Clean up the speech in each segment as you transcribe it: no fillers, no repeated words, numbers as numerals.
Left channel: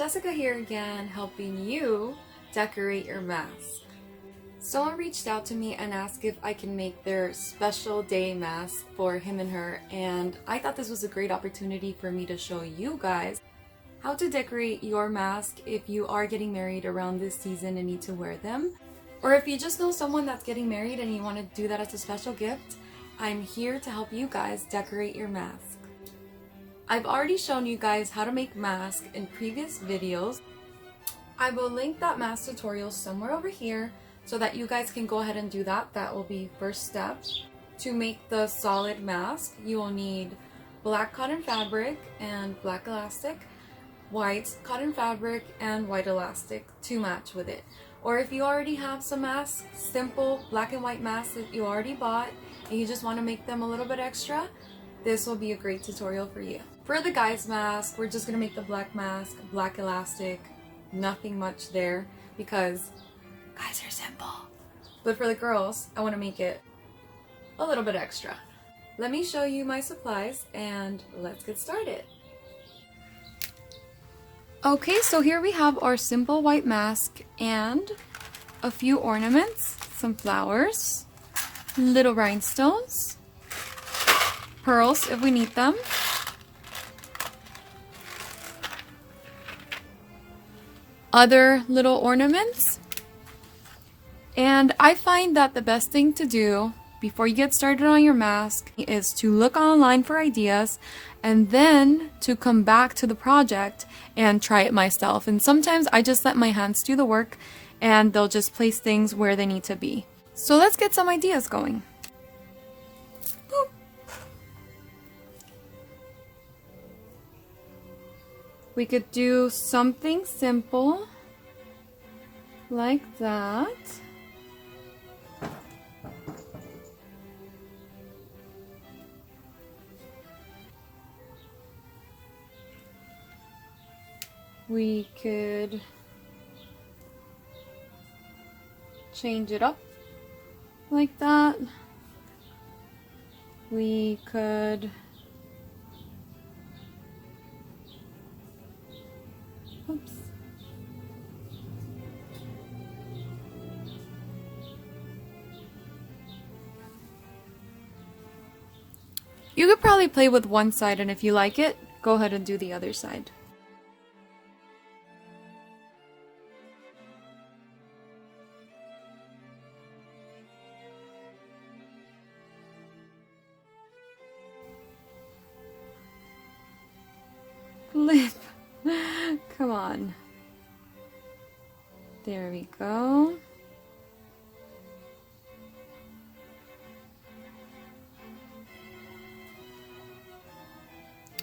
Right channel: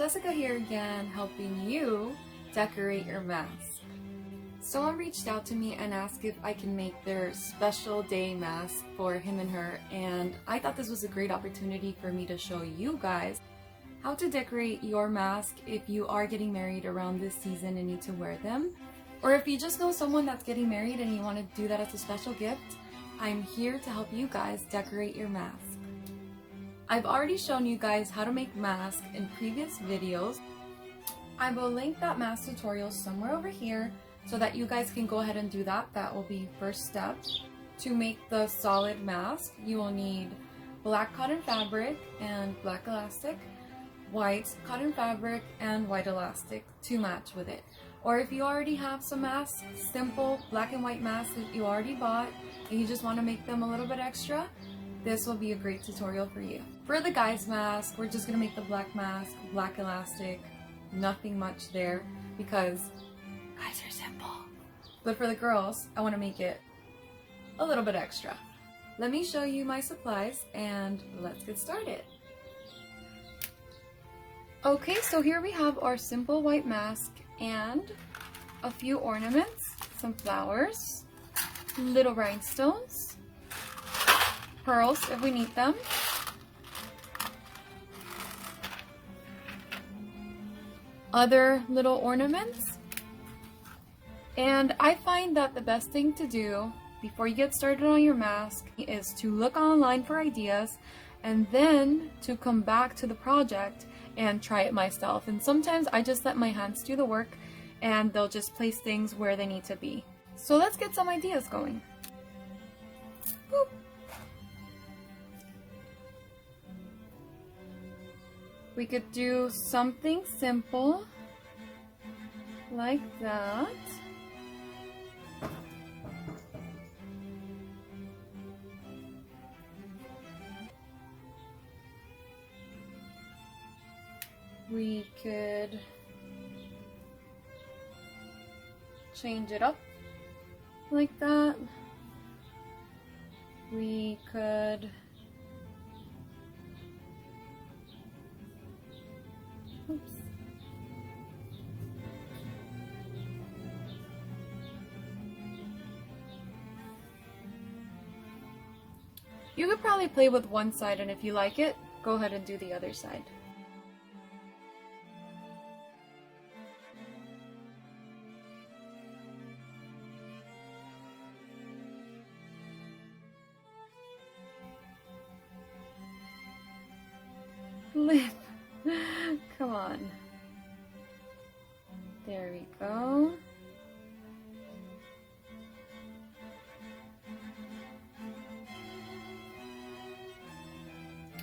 Jessica here again, helping you decorate your mask. Someone reached out to me and asked if I can make their special day mask for him and her, and I thought this was a great opportunity for me to show you guys how to decorate your mask if you are getting married around this season and need to wear them. Or if you just know someone that's getting married and you want to do that as a special gift, I'm here to help you guys decorate your mask. I've already shown you guys how to make masks in previous videos. I will link that mask tutorial somewhere over here so that you guys can go ahead and do that. That will be first step. To make the solid mask, you will need black cotton fabric and black elastic, white cotton fabric and white elastic to match with it. Or if you already have some masks, simple black and white masks that you already bought and you just want to make them a little bit extra, this will be a great tutorial for you. For the guys mask, we're just going to make the black mask, black elastic, nothing much there because guys are simple. But for the girls, I want to make it a little bit extra. Let me show you my supplies and let's get started. Okay, so here we have our simple white mask and a few ornaments, some flowers, little rhinestones, pearls if we need them, other little ornaments. And I find that the best thing to do before you get started on your mask is to look online for ideas and then to come back to the project and try it myself. And sometimes I just let my hands do the work and they'll just place things where they need to be. So let's get some ideas going. Boop. We could do something simple like that. We could change it up like that. We could oops. You could probably play with one side, and if you like it, go ahead and do the other side. Lip. Come on. There we go.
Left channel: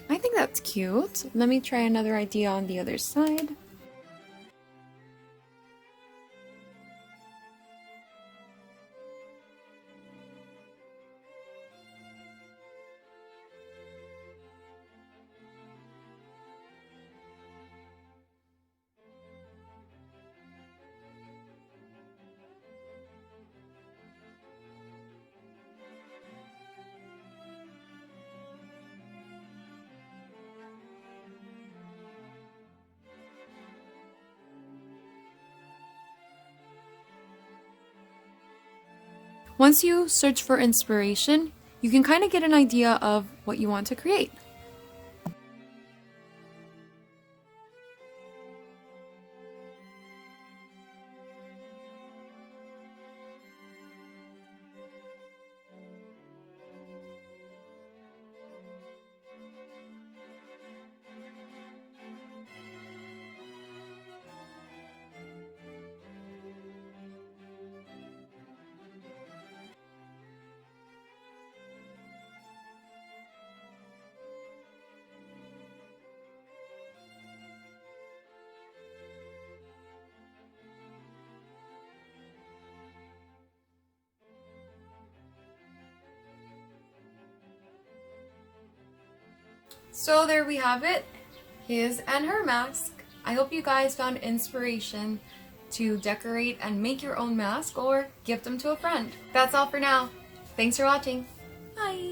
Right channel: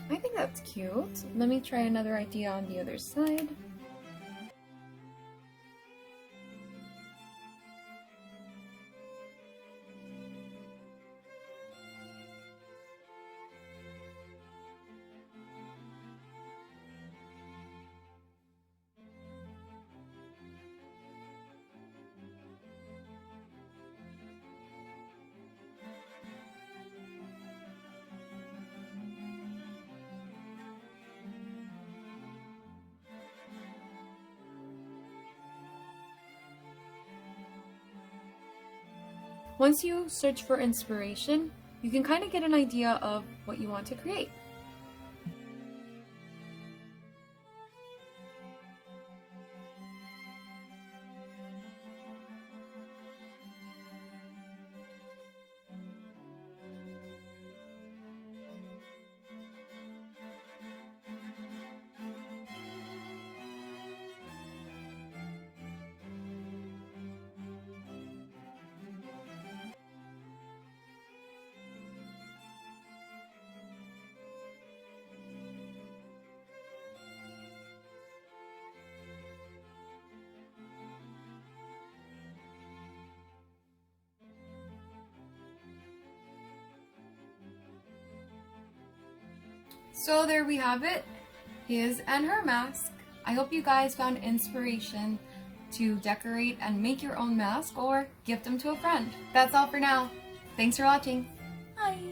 I think that's cute. Let me try another idea on the other side. Once you search for inspiration, you can kind of get an idea of what you want to create. So there we have it, his and her mask. I hope you guys found inspiration to decorate and make your own mask or gift them to a friend. That's all for now. Thanks for watching. Bye!